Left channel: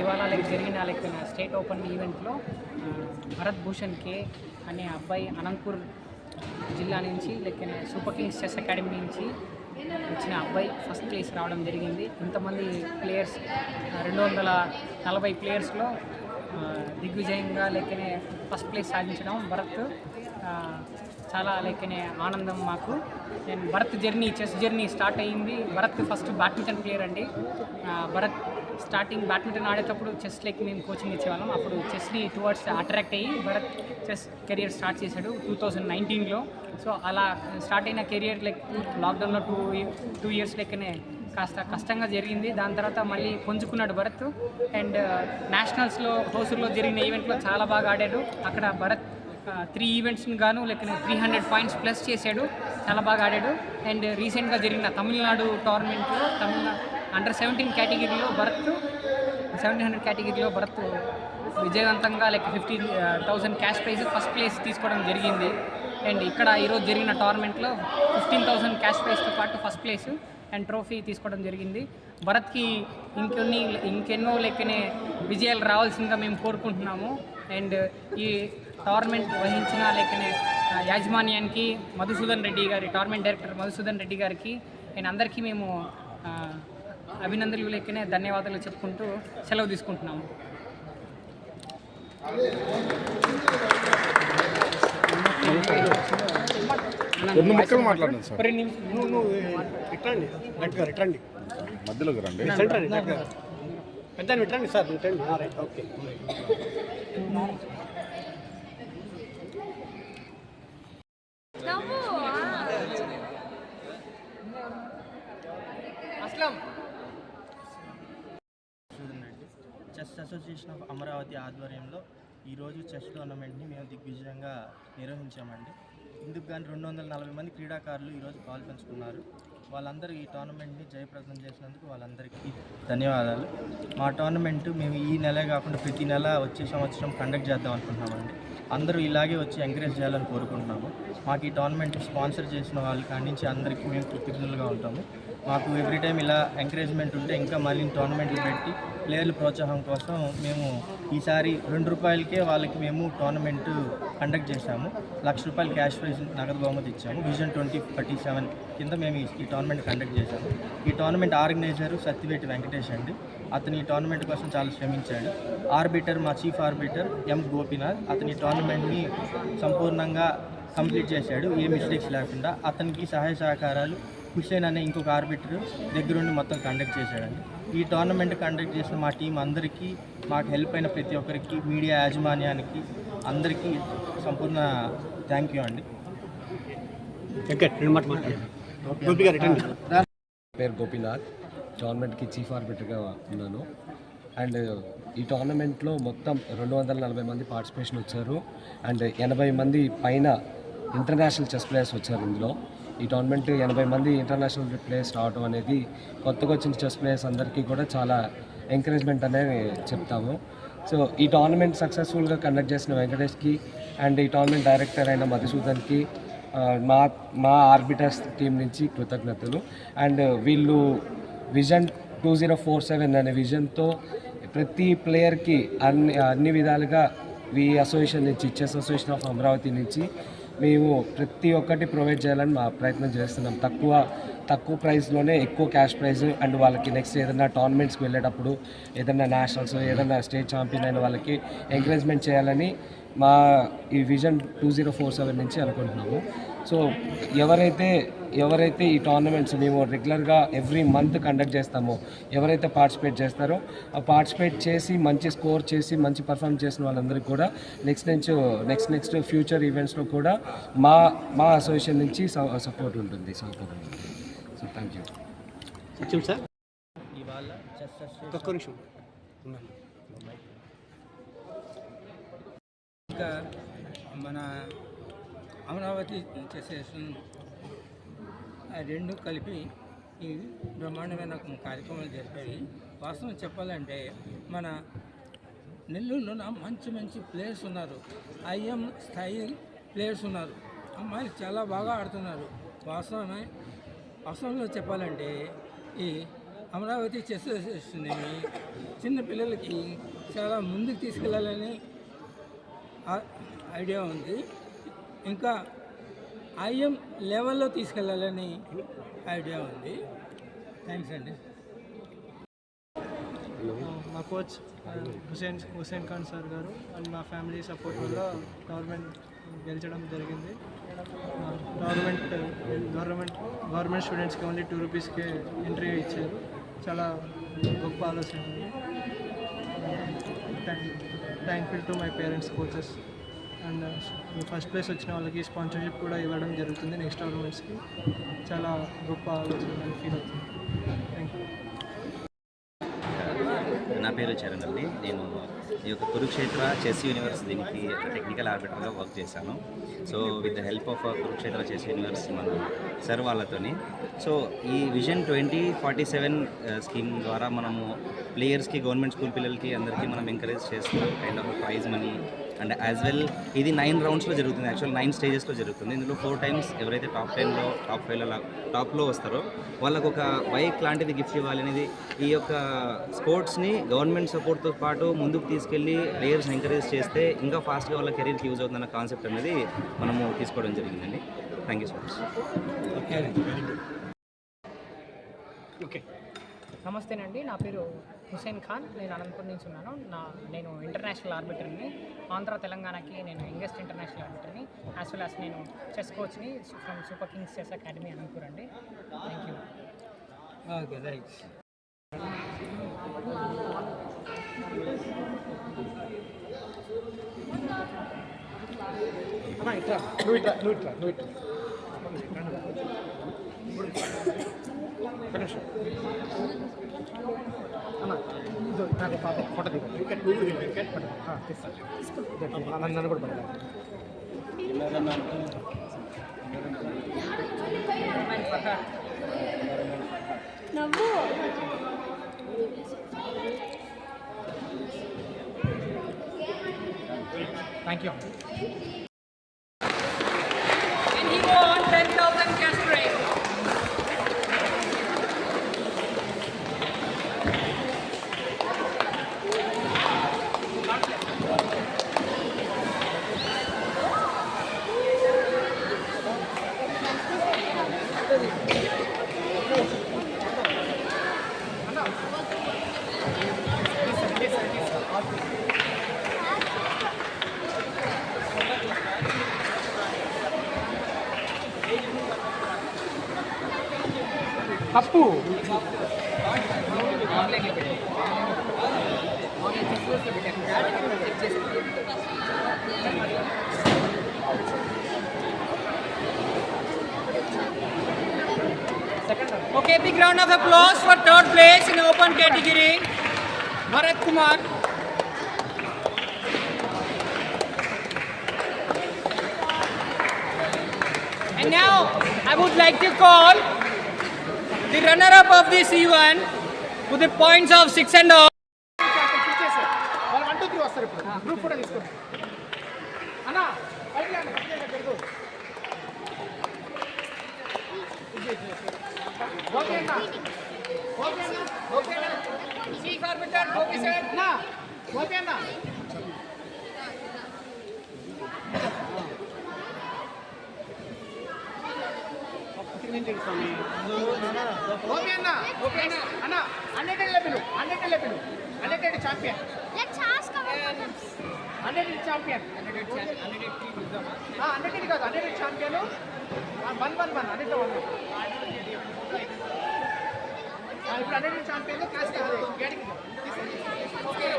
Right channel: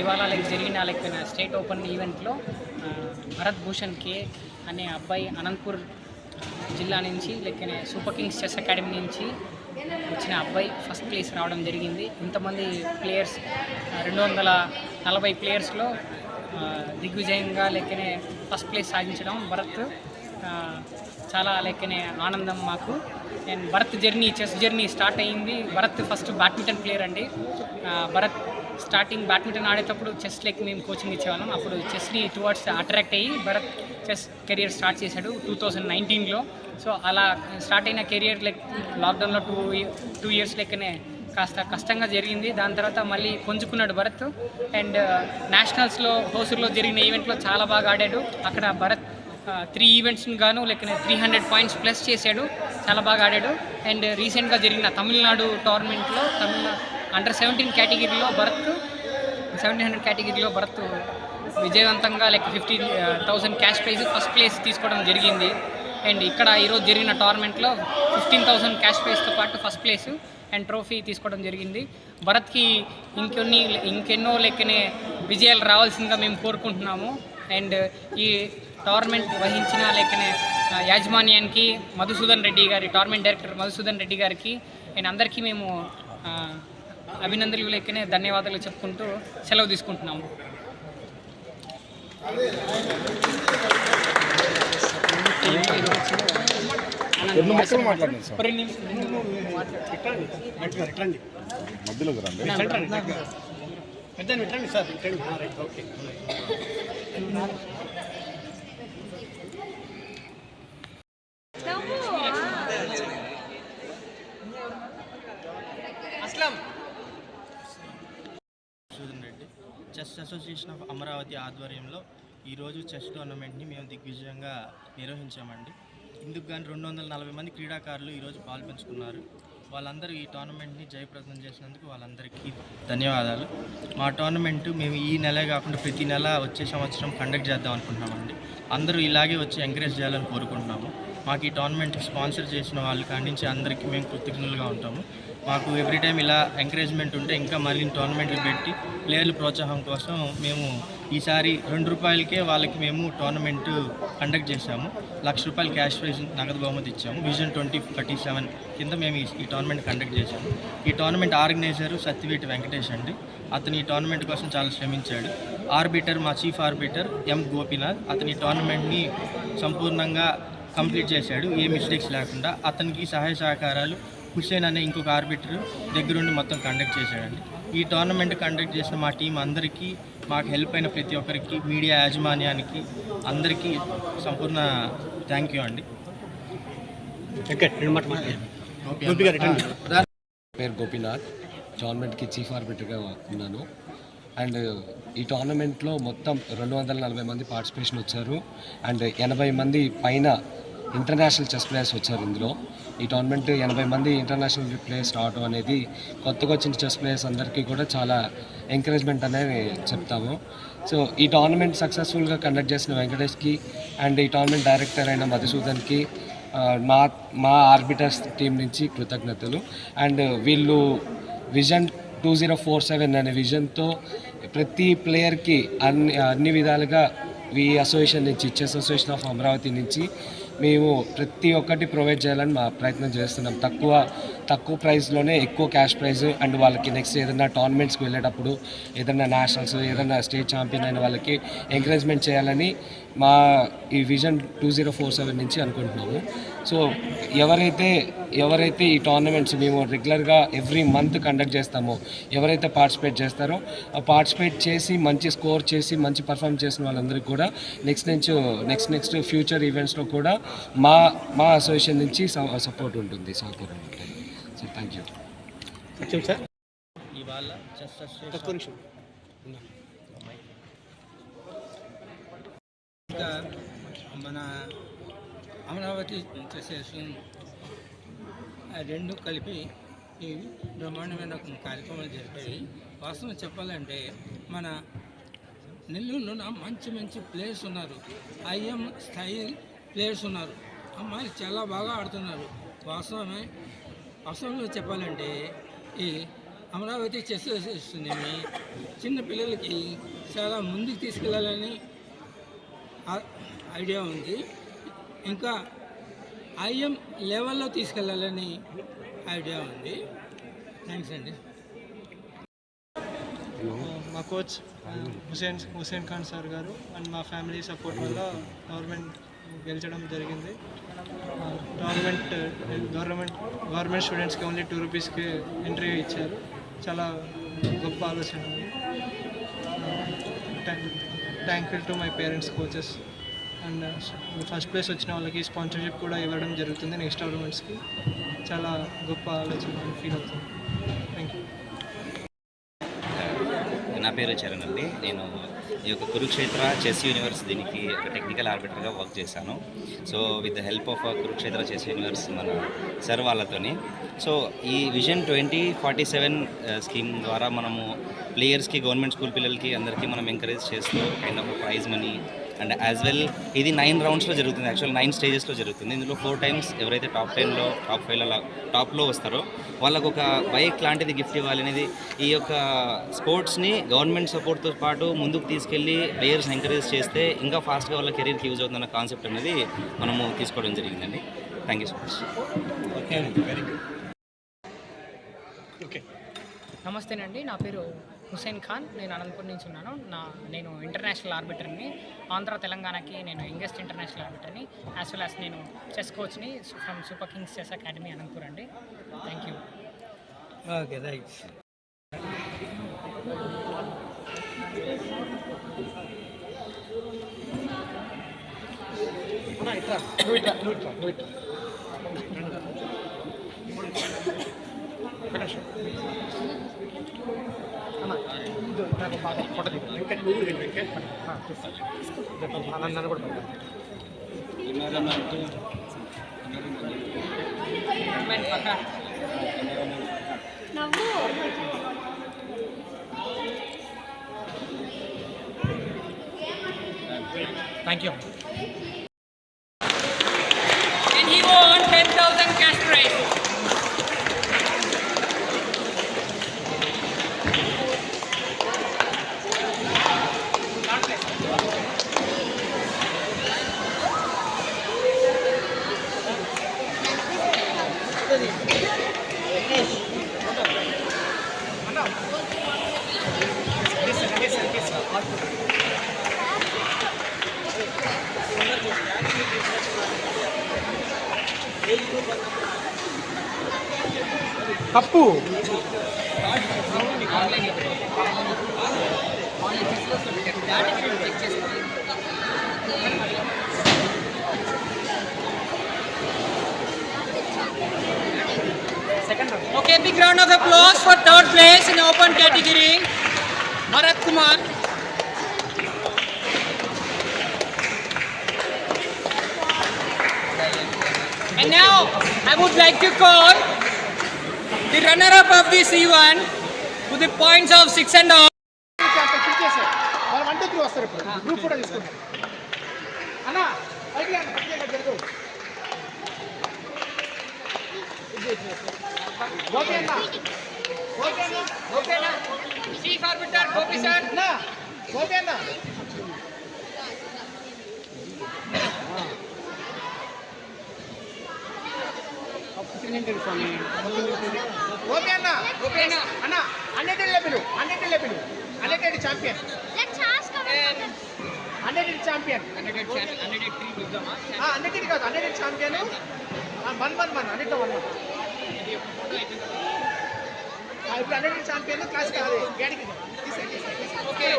ఇవాళ జరిగిన state open ఈవెంట్లో భరత్ భూషణ్ కే అనే అబ్బాయి అనంతపూర్ జిల్లా నుంచి సూపర్ కింగ్స్ చెస్ అకాడమీ నుంచి వచ్చిన అబ్బాయి ఫస్ట్ ప్లేస్ రావడం జరిగింది. ఇంతమంది ప్లేయర్స్ 240 ప్లేయర్స్లో దిగ్విజయంగా ఫస్ట్ ప్లేస్ సాధించడం భరత్ చాలా ఆనందం మాకు. And Bharat chess journey start అయ్యింది. భరత్ ఫస్ట్ బ్యాడ్మింటన్ ప్లేయర్ అండి. భరత్ స్టార్టింగ్ బ్యాడ్మింటన్ ఆడేటప్పుడు చెస్ మేము కోచింగ్ ఇచ్చేవాళ్ళం. అప్పుడు చెస్ని టువర్డ్స్ అట్రాక్ట్ అయ్యి భరత్ చెస్ కెరియర్ స్టార్ట్ చేశాడు 2019లో. సో అలా స్టార్ట్ అయిన కెరియర్ లాక్డౌన్లో టూ ఇయర్స్ కాస్త కష్టంగా జరిగింది. దాని తర్వాత మళ్ళీ పుంజుకున్నాడు భరత్. అండ్ నేషనల్స్లో హోసూర్లో జరిగిన ఈవెంట్లో చాలా బాగా ఆడాడు. అక్కడ భరత్ 3 ఈవెంట్స్ని గాను 300 పాయింట్స్ ప్లస్ చేశాడు. చాలా బాగా ఆడాడు. అండ్ రీసెంట్గా జరిగిన తమిళనాడు టోర్నమెంట్లో అండర్ 17 కేటగిరీలో భరత్ 1700 కేటగిరీలో భరత్ విజయవంతంగా 50,000 క్యాష్ ప్రైజ్ ఫస్ట్ ప్లేస్ తీసుకోవడం జరిగింది. అండ్ ఇక్కడ ఈరోజు జరిగిన టోర్నమెంట్లో 15,000 క్యాష్ ప్రైజ్తో పాటు ఫస్ట్ ప్లేస్ అండ్ ట్రోఫీ తీసుకోవడం జరిగింది. భరత్కి ఇంకెన్నో విజయాలు రావాల్సిందిగా మేము కోరుకుంటున్నాము. అండ్ ఈ టోర్నమెంట్ వహించిన యాజమాన్యానికి మధుసూదన్ రెడ్డి గారి టోర్నమెంట్ డైరెక్టర్ మధుసూదన్ రెడ్డి గారికి అండ్ అందరికీ మేము అభినందనలు ధన్యవాదాలు చెప్పుకుంటూ సెలవు తీసుకుంటున్నాము. చెస్ అసోసియేషన్ ఆఫ్ అమరావతి ఆధ్వర్యంలో ఈరోజు చెస్ టోర్నమెంట్ని మేము దిగ్విజయంగా నిర్వహించామండి. ఇందుకు కానీ 240 మంది క్రీడాకారులు ఈరోజు పాల్పంచుకున్నారు. వాళ్ళందరూ ఈ టోర్నమెంట్ని జయప్రదం చేసినందుకు వాళ్ళందరికీ ధన్యవాదాలు. మా టోర్నమెంట్ మేము ఈ నెలే కాకుండా ప్రతి నెల వచ్చే సంవత్సరం కండక్ట్ చేద్దాం అనుకుంటున్నామండి. అందరూ ఇలాగే వచ్చి ఎంకరేజ్ చేయాలని కోరుకుంటున్నాము. మాకు ఈ టోర్నమెంట్ స్పాన్సర్ చేసిన వాళ్ళు కానించి అందరికీ మేము కృతజ్ఞులుగా ఉంటాము. మాకు ఎవ్రీ టైం ఇలా ఎంకరేజ్మెంట్ ఉంటే ఇంకా మరిన్ని టోర్నమెంట్లు పెట్టి ప్లేయర్ల ప్రోత్సాహం కోసం మేము ఈసారి ₹2కే వాళ్ళకి మేము టోర్నమెంట్ కండక్ట్ చేశాము. ₹1,00,000 క్యాష్ ప్రైజ్ నగదు బహుమతి ఇచ్చాము. విజన్ 2047 కింద మేము ఈ టోర్నమెంట్ కండక్ట్ చేశాము. ఈ టోర్నమెంట్ ఆర్గనైజరు సత్యవేటి వెంకటేష్ అండి. అతను ఈ టోర్నమెంట్ కోసం చాలా శ్రమించాడు. ఆర్బిటర్ మా చీఫ్ ఆర్బిటర్ ఎం గోపీనాథ్. అతని ఈ టోర్నమెంట్ని సంపూర్ణంగా కంప్లీట్ చేశాడు, ఏ మిస్టేక్స్ లేకుండా. అతనికి సహాయ సహకారాలు హుస్సేన్ అనే ఇంకొక ఆర్బిటర్ దగ్గరుండి మొత్తం కండక్ట్ చేశాడండి. ఈ టోర్నమెంట్ కండక్ట్ చేసిన మా టీం అందరికీ, మాకు హెల్ప్ అయిన ప్రతి ఒక్కరికి, మీడియా యాజమాన్యానికి అందరికీ సంపూర్ణ థ్యాంక్ యూ అండి. పేరు గోపీనాథ్, టోర్నమెంట్కి చీఫ్ ఆర్బిటర్గా ఉన్నాను. అండ్ ఈ టోర్నమెంట్లో మొత్తం 240 మంది పార్టిసిపేషన్ వచ్చారు. అండ్ 80 మంది పైన ఇంటర్నేషనల్ చెస్ ప్లేయర్స్ వచ్చారు. ఇందులో ఈ టోర్నమెంట్ 80 మంది ఇంటర్నేషనల్ ప్లేయర్స్ రావడం అనేది కొత్తగా వచ్చిన చెస్ ప్లేయర్స్ అందరికీ కూడా చాలా ఎంకరేజ్మెంట్ అనేది చెప్తాము. సో ఈ టోర్నమెంట్ సక్సెస్ఫుల్గా కండక్ట్ చేసిన వెంకటేష్కి అండ్ ఈ టోర్నమెంట్ డైరెక్టర్ అయిన మధుసూదన్కి మా ఆర్బిటర్స్ టీం నుంచి కృతజ్ఞతలు. అండ్ వీళ్ళు విజన్ 2047 అనే విజన్తో ప్రతి ప్లేయర్కి అన్ని విధాలుగా ఈ అసోసియేషన్ నుంచి, చెస్ అసోసియేషన్ ఆఫ్ అమరావతి నుంచి మేము ప్రతి ఒక్కటి ప్రొవైడ్ చేయాలని మా ప్రయత్నం చేస్తున్నాం. తక్కువ ప్రైస్లోనే ఎక్కువ క్యాష్ ప్రైజ్. అండ్ వాళ్ళకి నెక్స్ట్ ఏదైనా టోర్నమెంట్స్కి వెళ్ళేటప్పుడు, ఏదైనా నేషనల్స్, ఏదైనా స్టేట్ ఛాంపియన్ అయిన వాళ్ళకి ఎంకరేజ్మెంట్ చేయాలని మా ఈ విజన్ 2047 నుంచి అనుకుంటున్నాము. సో ఎవరైతే ఈ టోర్నమెంట్స్ మేము రెగ్యులర్గా ఎవ్రీ మంత్ కండక్ట్ చేస్తామో, ఎవరైతే పార్టిసిపేట్ చేస్తారో పార్టిసిపేట్ చేసి మంచి స్కోర్ చేసి మంచి పర్ఫామ్ చేసిన వాళ్ళందరికీ కూడా నెక్స్ట్ ఫ్యూచర్ ఈవెంట్స్లో కూడా మా అసోసియేషన్ నుంచి సపోర్ట్ ఉంటుంది, సహకారం ఉంటుంది. So thank you. ఇవాళ చెస్ అసోసియేషన్ ఇంకా మన అమరావతి చెస్ రెండు కలిపి ఈ బ్రహ్మాండమైన కార్యక్రమాలు జరిపాయి. వాస్తవం చెప్పాలంటే మన నెల్లూరులో మంచి మంచి ప్లేయర్స్ ఉన్నారు. ఐఎం స్థాయి ప్లేయర్స్ ఉన్నారు. అమ్మాయిలు చాలా బాగా ఆడుతున్నారు. వాస్తవంలో చెప్పాలంటే ఈ అమరావతి చెస్ అసోసియేషన్ని చిన్న పిల్లలకి చాలా ముందుకు తీసుకెళ్ళాలని ఐడియా ఉంది. ఇంకా ఐఎం లెవెల్లో తీసుకెళ్ళాలని ఐడియా ఉంది. థ్యాంక్స్ అండి. మా కోచ్ హుసేన్ ఖాన్ సార్ గారు అండ్ మా ఫ్యామిలీ సపోర్ట్ వల్ల గవర్నమెంట్ గెలిచడం జరిగింది. గవర్నమెంట్ స్టూడెంట్స్కి ఓన్లీ 2 రూపీస్కి ఎంట్రీ ఇచ్చారు. చాలా గొప్ప ఆలోచన. Thankful to my parents, coaches and first place వచ్చిన వాళ్ళకి స్పాన్సర్షిప్ కూడా ఇవ్వడం జరుగుతుంది నెక్స్ట్ టోర్నమెంట్స్కి. చాలా గొప్ప ఆలోచన అని ఫీల్ అవుతుంది. Thank you. నా పేరు చరణ్ అండి. నేను ఈ యొక్క కురుక్షేత్ర చెస్ యూనివర్స్ దీనికి ఒక టెక్నికల్ ఆర్బిటర్గా వర్క్ చేశాను. So with the help of Kurukshetra chess universe మన సార్ వాళ్ళతోని. సో ఈ విజన్ 2047 స్కీమ్ ద్వారా మనము ప్లేయర్స్కి, గవర్నమెంట్ స్కూల్ పిల్లలకి అందరికీ మనం ఎంకరేజ్ చేస్తూ kind of prize money and as well ఇది 9 రౌండ్స్లో జరుగుతుంది. యాక్చువల్ 9 స్టేజెస్లో జరుగుతుంది. ఇందులో 4 టైమ్స్ ఎవరైతే టాప్ 10లో, టాప్ 5లో, టాప్లో వస్తారో వాళ్ళకు ఒక బైక్ లాంటిది గిఫ్ట్ ఇవ్వాలి అనేది ఈ యొక్క స్పోర్ట్స్ని గవర్నమెంట్ సపోర్ట్తో పాటు ముందుకు తీసుకెళ్ళి ప్లేయర్స్ని ఎంకరేజ్ చేస్తే ఇంకా ఫాస్ట్గా వాళ్ళ కెరీర్కి యూజ్ అవుతుందన్న కాన్సెప్ట్ అనేది మనము తీసుకోవడం జరిగిందండి. Thank you so much. నమస్తేనండి, నా పేరు హుసేన్ ఖాన్. నేను అనంతపురం నుంచి ఉన్నాను. నేను ఇంటర్నేషనల్ ఆర్బిటర్ని. ఆంధ్ర తెలంగాణకి నేను యంగెస్ట్ ఇంటర్నేషనల్ ఆర్బిటర్ని. యాజ్ వెల్ యాజ్ నేను చెస్ కోచ్ని from super kings chess academy Anantapur అండి. Thank you. Okay, thanks. Thank you. And he won 10,000 cash prize. Cup Okay, big round of applause for third place in open category, Bharat Kumar. And now I would like to call the runner-up of this event with the points of 6 and all. Chief Arbiter, Gopi sir. Champion. Let's ask Undefeated champion. Undefeated champion. 1-1-1. Okay.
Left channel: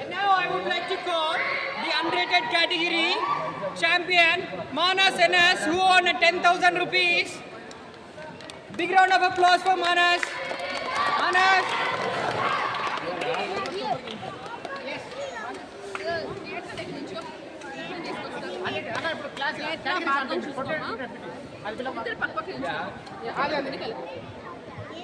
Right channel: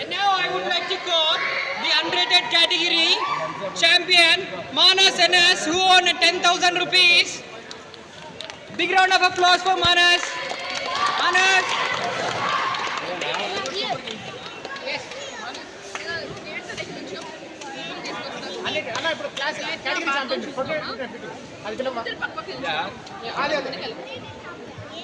And now I would like to call the unrated category champion Manas Anas, who won 10,000 rupees. Big round of applause for Manas. Manas.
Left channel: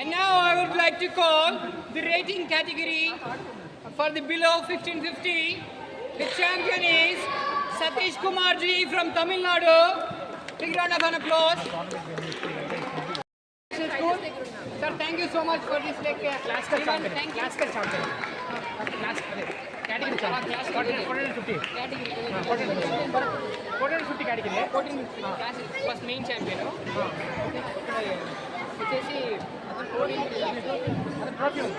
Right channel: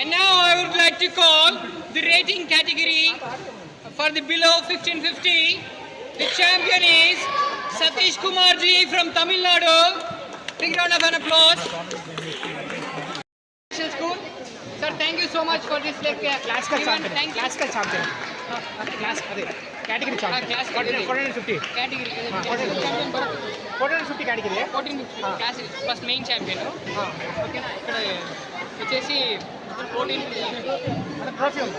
And now I would like to call the rating category for the below 1550. The champion is Satish Kumar ji from Tamil Nadu. Big round of an applause. School. Sir, thank you so much for this classical champion. Thank you. Classical champion. Class category champion. Class category 450. Category champion Bharat. 450 category. 1450 class first main champion. Okay na ikkada వచ్చేసి 14 trophy ఉంది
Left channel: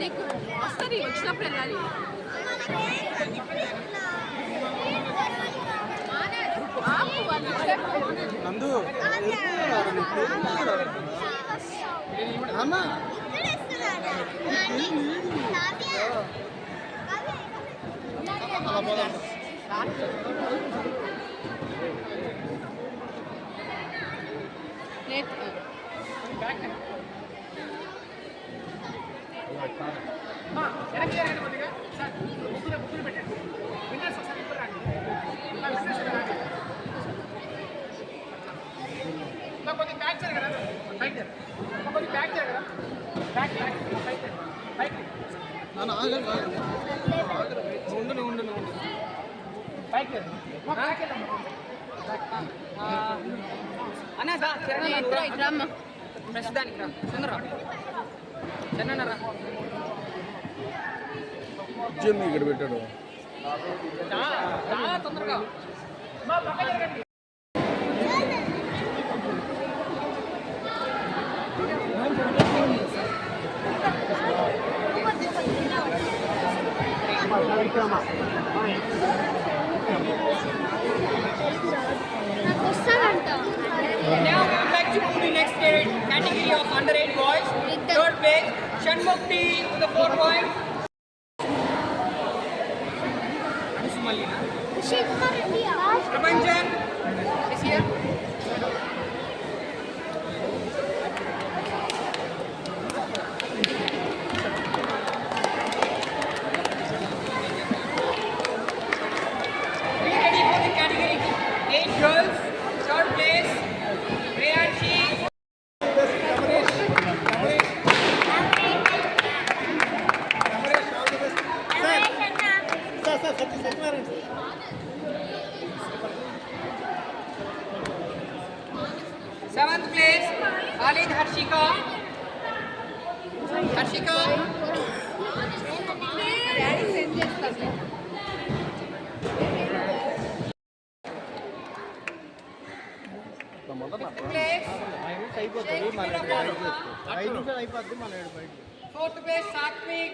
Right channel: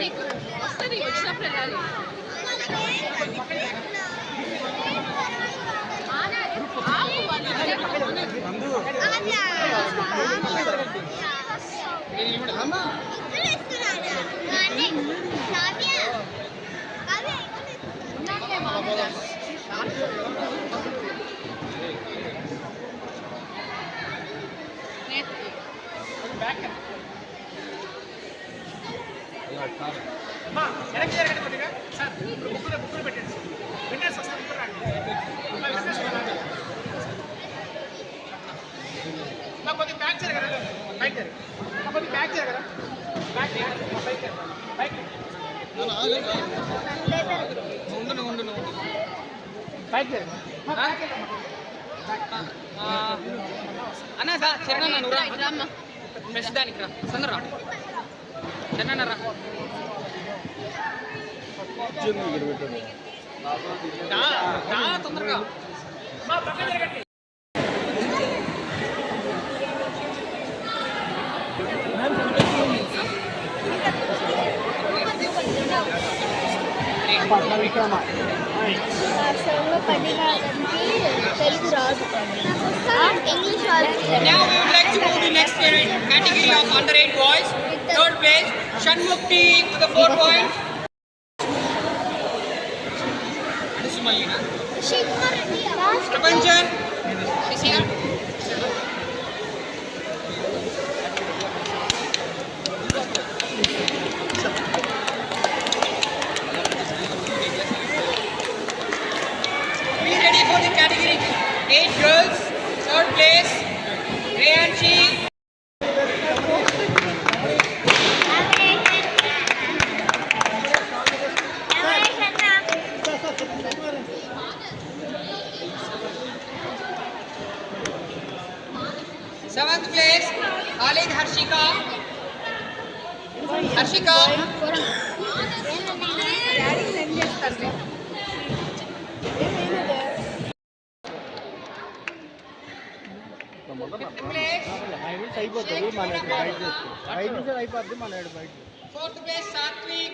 నీకు వస్తుంది వచ్చినప్పుడు వెళ్ళాలి అన్నా దా చరణ్ నువ్వు రా fresh దానికి రా తొందర చరణ్ రా తొందరగా Now we would like to move to the next category of under 8 boys. Third place, Shanmukti with the 4 points. This is Malina. Prapanjan is here. Be ready for the category 8 girls. Third place, Reyanshi. Seventh place, Khalid Harshika. Harshika. Fifth place, fourth place, Satvik.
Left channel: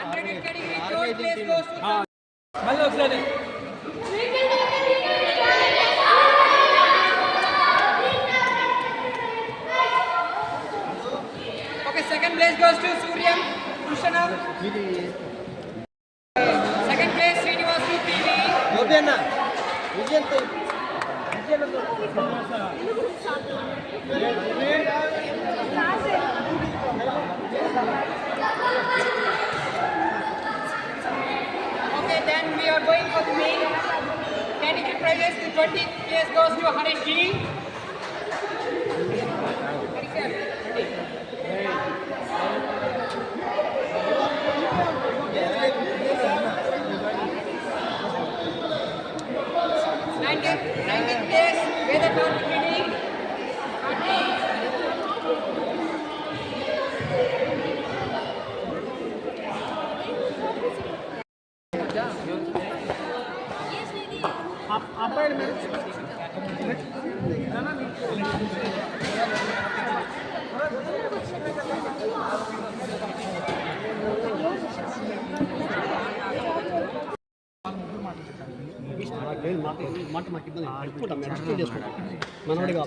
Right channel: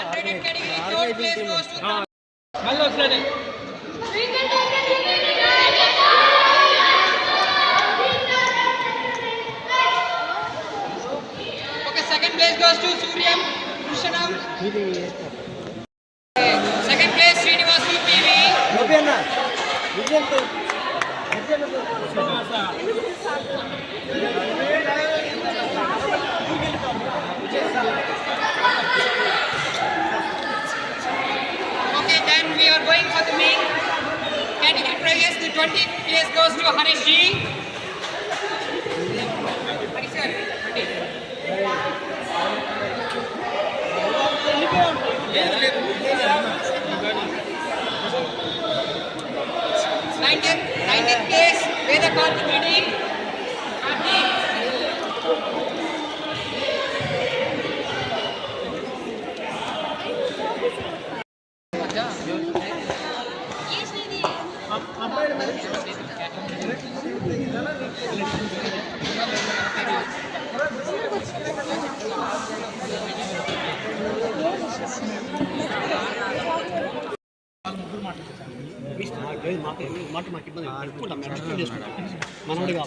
Under it category, third place goes to మళ్ళీ వస్తుంది Okay, second place goes to Suryam Krishanam. Second place, Srinivasu PV. Okay, then we are going for the main category prizes. The 20th place goes to Harish G. Harish sir. 19th place, Veda Karthikedi.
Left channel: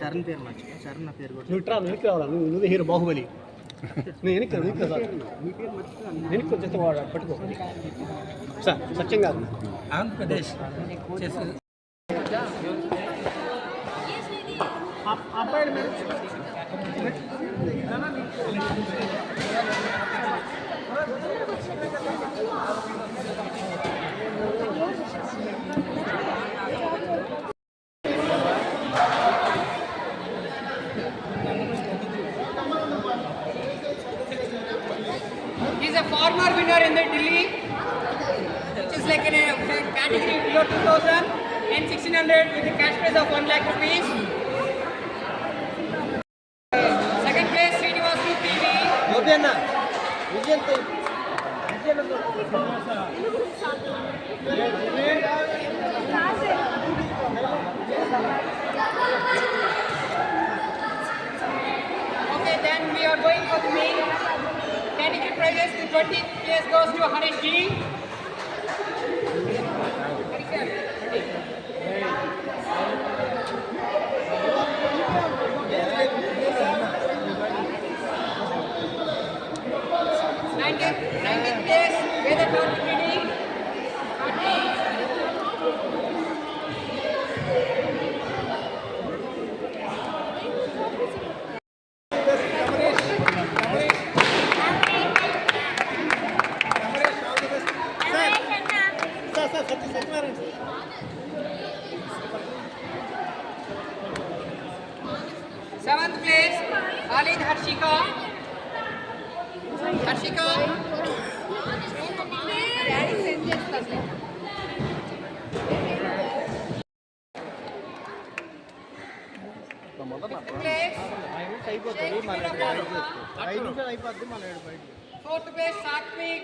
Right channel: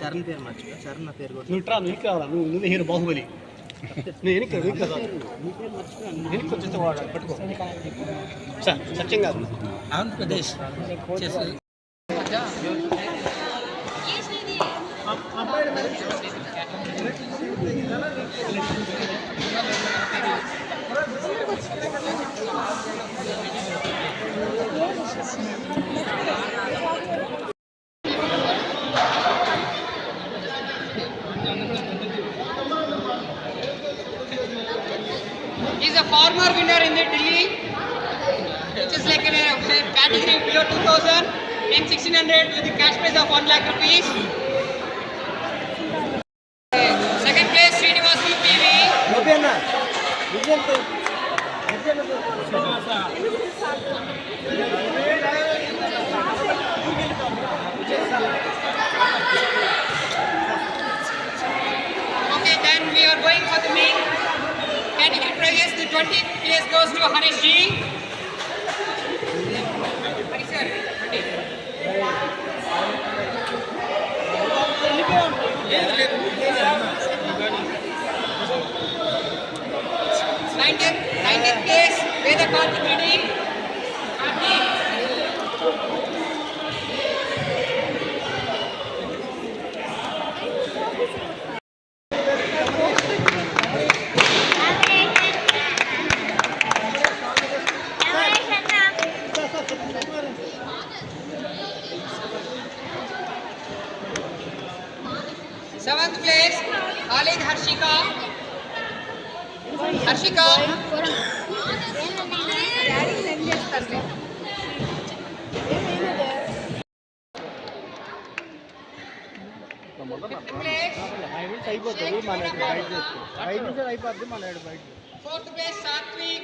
Charan పేరు మర్చిపో చరణ్ నా పేరు కూడా నువ్వు రావాలా నువ్వే hero Baahubali నేను వెనక్కి వచ్చేస్తే వాడు పట్టుకో సార్ సత్యం కాదు ఆంధ్రప్రదేశ్ చేసి He's a former winner in the Delhi, which is like in a category below 2000 and 1600 with the cash prize of 1 lakh rupees. Second place, Srinivasi PV. Okay, then we are going for the main category prizes. The 20th place goes to Harish G. Harish sir, 19th place, Vedakanth Reddy. Seventh place, Khalid Harshika. Harshika. Fifth place, fourth place, Satvik.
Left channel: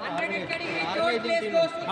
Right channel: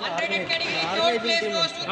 Under category, third place goes to